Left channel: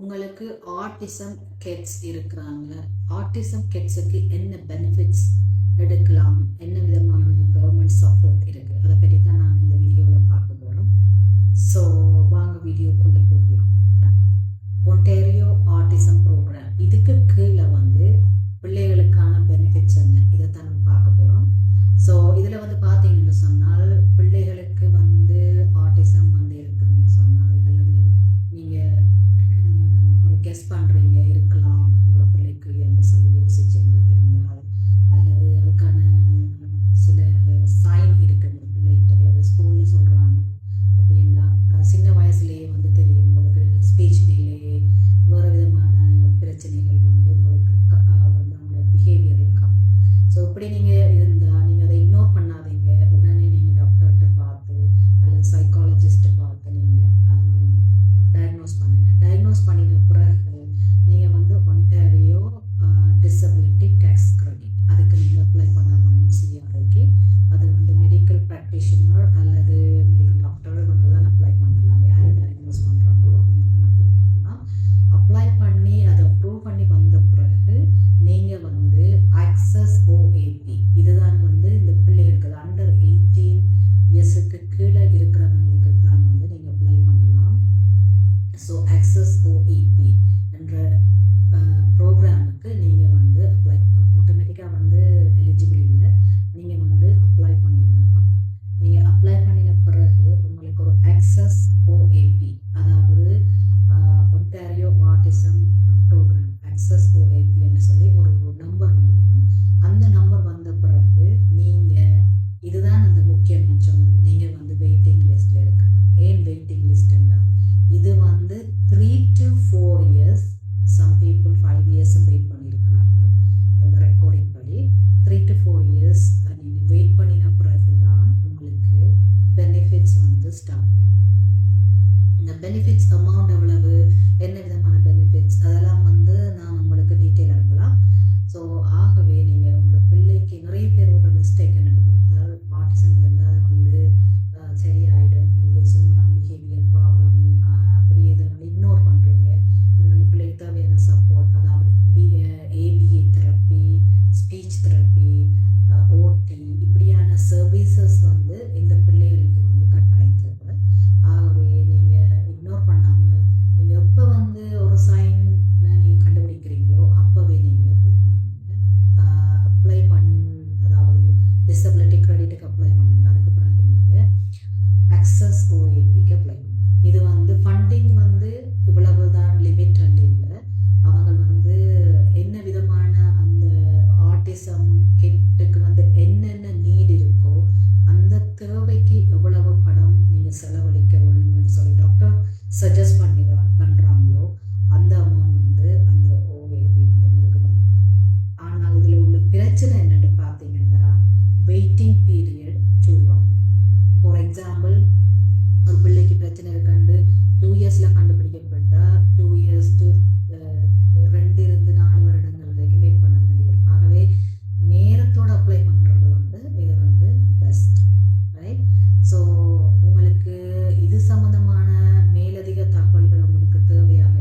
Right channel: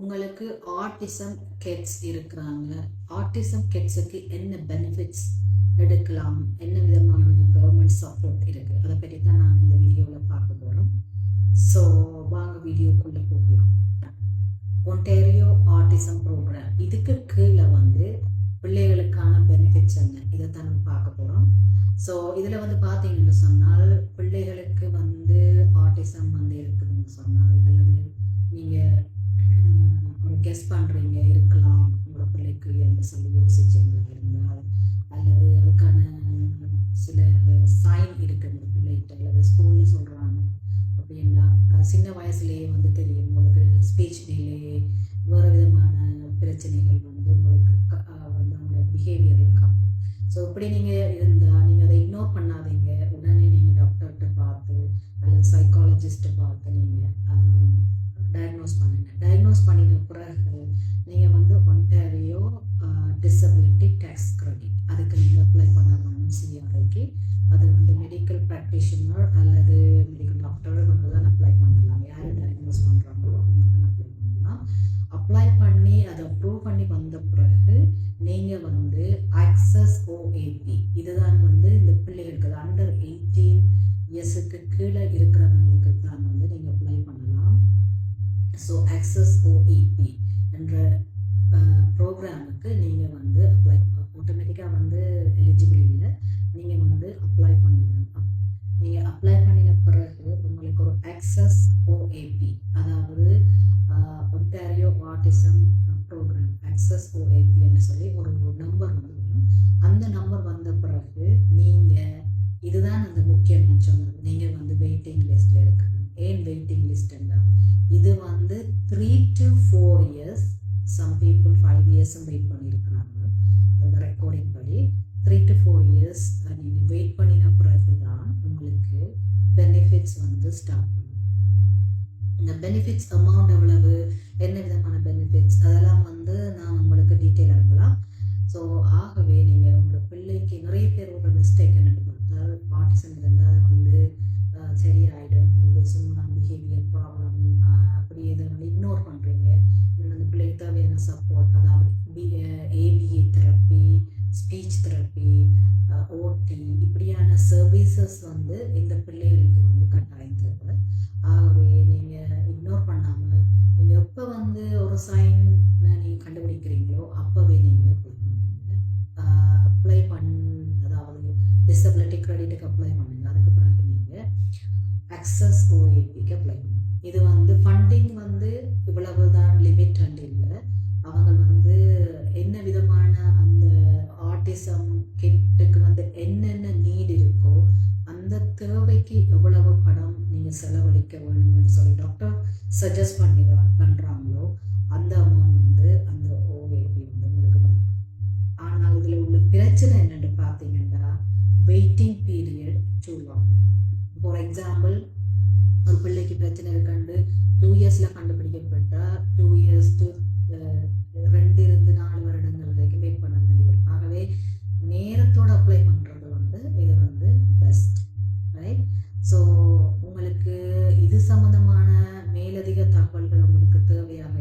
உங்களுக்கு autism kids இருக்கிறாங்க. Autism கிட்ஸுக்கு என்ன பெனிஃபிட்ஸ் எடுக்கலாம், என்ன விதமான கவர்மெண்ட் சப்போர்ட் இருக்குது, அதை பற்றி தான் நான் இந்த வீடியோவில் பார்க்க போகிறோம். ஸோ வாங்க வீடியோக்குள்ளே போகலாம். ஒன்டாரியோ ஆட்டிசம் ப்ரோக்ராம், இதுக்கு கீழே வந்து பிள்ளைகளுக்கான பெனிஃபிட்ஸ் என்ன, இதை தான் நம்ம பார்க்க போகிறோம். ஸோ இதில் வந்து பார்த்தீங்கன்னு சொன்னால், பிள்ளைகளுக்கு வந்து ஆட்டிசம் வந்து இருக்குதுன்னு சொன்னால், அல்லது நீங்கள் ஒரு கெஸ் பண்ணுறீங்க இருக்கலாம் உங்களோட பிள்ளைக்கு என்று சொல்லி யோசிச்சவங்க இருந்தால், அல்லது அதுக்கான சில சைன் இருக்குது உங்கள் பிள்ளைகிட்ட, அல்லது ஸ்கூலில் சொல்கிறாங்க அப்படின்னா சின்ன வயசுலேயே வந்து தெரியும் உங்களுக்கு ஸ்பீச் டிலே, வேறு விதமான பிரச்சனைகள் வந்து உங்களுக்கு வந்து அவங்களோட பிஹேவியரில் காட்டும். ஸோ இப்படி நீங்கள் இருந்தால் நீங்கள் அதை இக்னோர் பண்ணாதீங்க. உடனே நீங்கள் டாக்டர்கிட்ட பார்த்து அல்லது சைக்காலஜிஸ்ட்டை பார்த்து நீங்கள் டயக்னோஸ் பண்ணுங்கள். டயக்னோஸ் பண்ணின பிறகு நீங்கள் வந்து ஒன்டாரியோ டிசபிலிட்டி டேக்ஸ் கிரெடிட் அதுக்கு நீங்கள் அப்ளை பண்ண வேணும். சிஆர்ஐக்கு அது வந்து மெடிக்கல் ப்ராக்டிஷனர் அல்லது மெடிக்கல் டாக்டர் வந்து தான் அப்ளை பண்ணலாம். யார் டயக்னோஸ் பண்ணுறாங்களோ அவங்க தான் அப்ளை பண்ணலாம். அப்ளை பண்ணி அதை அப்ரூவ் பண்ணி வந்த பிறகு நீங்கள் வந்து ஆக்சஸ் ஓஏபி, இதுதான் வந்து இந்த பிள்ளைகளுக்கு அண்டர் 18 இயர்ஸுக்கு கீழே இருக்கிறவங்களுக்கு தான் வந்து நீங்கள் அப்ளை பண்ணலாம். ஸோ ஆக்சஸ் ஓஇபி என்ற ப்ரோக்ராமுக்கு நீங்கள் வந்து அப்ளை ஆட்டோமேட்டிக்காக வந்து எலிஜிபிள் இல்லை, நீங்கள் வந்து அப்ளை பண்ண வேண்டாம். நீங்கள் அப்ளை பண்ணின பிறகு உங்களுக்கு ஒரு ஆக்சஸ் ஓஏபி, அதாவது Ontario autism program access OAP என்று சொல்லி ஒரு நம்பர் வந்து வரும். அந்த நம்பர் வந்த பிறகு நீங்கள் இதுதான் அந்த முக்கியம் நான் சொன்னது, நீங்கள் வந்து வெயிட்டிங் லிஸ்ட்டில் இருக்கணும். ஏன் வெயிட்டிங் லிஸ்ட்னா, இது வந்து 3 to 4 years, சம் பீப்புள் 5 இயர்ஸும் வெயிட் பண்ணியிருக்கிறாங்க. அந்த ரெக்கார்டிங் படி 3 to 4 years நீங்கள் வெயிட் பண்ணின பிறகு தான் உங்களுக்கு பெனிஃபிட்ஸ் வந்து ஸ்டார்ட் பண்ணும். இந்த பெனிஃபிட்ஸ் அமௌண்ட் எவ்வளவு, என்ன விதமான பெனிஃபிட்ஸ், அதெல்லாம் வந்து நான் உங்களுக்கு டீட்டெயில் அனுப்பலாம். ஸோ ஆகவே நீங்கள் உங்களோட பிள்ளைக்கு நிறைய பேர் ஒரு மிஸ்டேக் என்ன பார்த்தால், ஆட்டிசம் இருந்தால் வந்து சரியாயிடும், உங்களுக்கு சும்மா பிஹேவியர் ப்ராப்ளம் அப்படி இதனால இக்னோர் பண்ணுறீங்க. அந்த பிள்ளைக்கு தேவையான சப்போர்ட், அதாவது ஏபிஏ தெரப்பி, ஸ்பீச் தெரப்பி, ஓடி, இப்படியான சர்வீசஸ் வந்து இந்த பிள்ளைகளுக்கு வந்து கட்டாயம் தேவை. ஆகவே நீங்கள் இக்னோர் பண்ணாமல் நீங்கள் எப்போ வந்து ஒரு சைன் நீங்கள் கண்டுபிடிக்கிறீங்களோ அப்போவே நீங்கள் அப்ளை அதாவது டிசபிலிட்டி கிரெடிட்டுக்கு அப்ளை பண்ணுங்க. அதுக்கு பிறகு நீங்கள் ஆக்சஸ் ஓஏபிக்கு அப்ளை பண்ணுங்க. இது வந்து ஃபண்டிங் வந்து இவ்வளவு தான் லிமிட் இல்லை, அவங்க வந்து என்ன விதமான அந்த ஆட்டிசம் கிட்டுக்கு வந்து என்னென்ன நீட் இருக்கோ அந்த தேவைக்கு எவ்வளவு பணம் நீங்கள் செலவழிக்க வேணும்னு சொல்லி டாக்டர் சஜஸ்ட் பண்ணுறாங்களோ அந்த அமௌண்ட் வந்து அந்த ஓஏபி வந்து உங்களுக்கு வரும். ஆனால் இதில் உள்ள பிரச்சனை என்னென்னு பார்த்தீங்கன்னா, waiting period too long. For example, ஒரு பிள்ளைக்கு பிரச்சனை இருக்காண்டு 2 இயர்ஸில் கண்டுபிடிக்கப்பட்டால் 2 years to 2 வருடங்கள் வரைக்கும் வெயிட் பண்ண வேண்டியிருக்கும். ஆகவே நேரத்தோடு அப்ளை பண்ணுறது வந்து இது வந்து பெஸ்ட், ரைட்? ஸோ உங்களுக்கு இது சம்மந்தமான மேலதிக தகவல்கள் உங்களுக்கு தேவையாக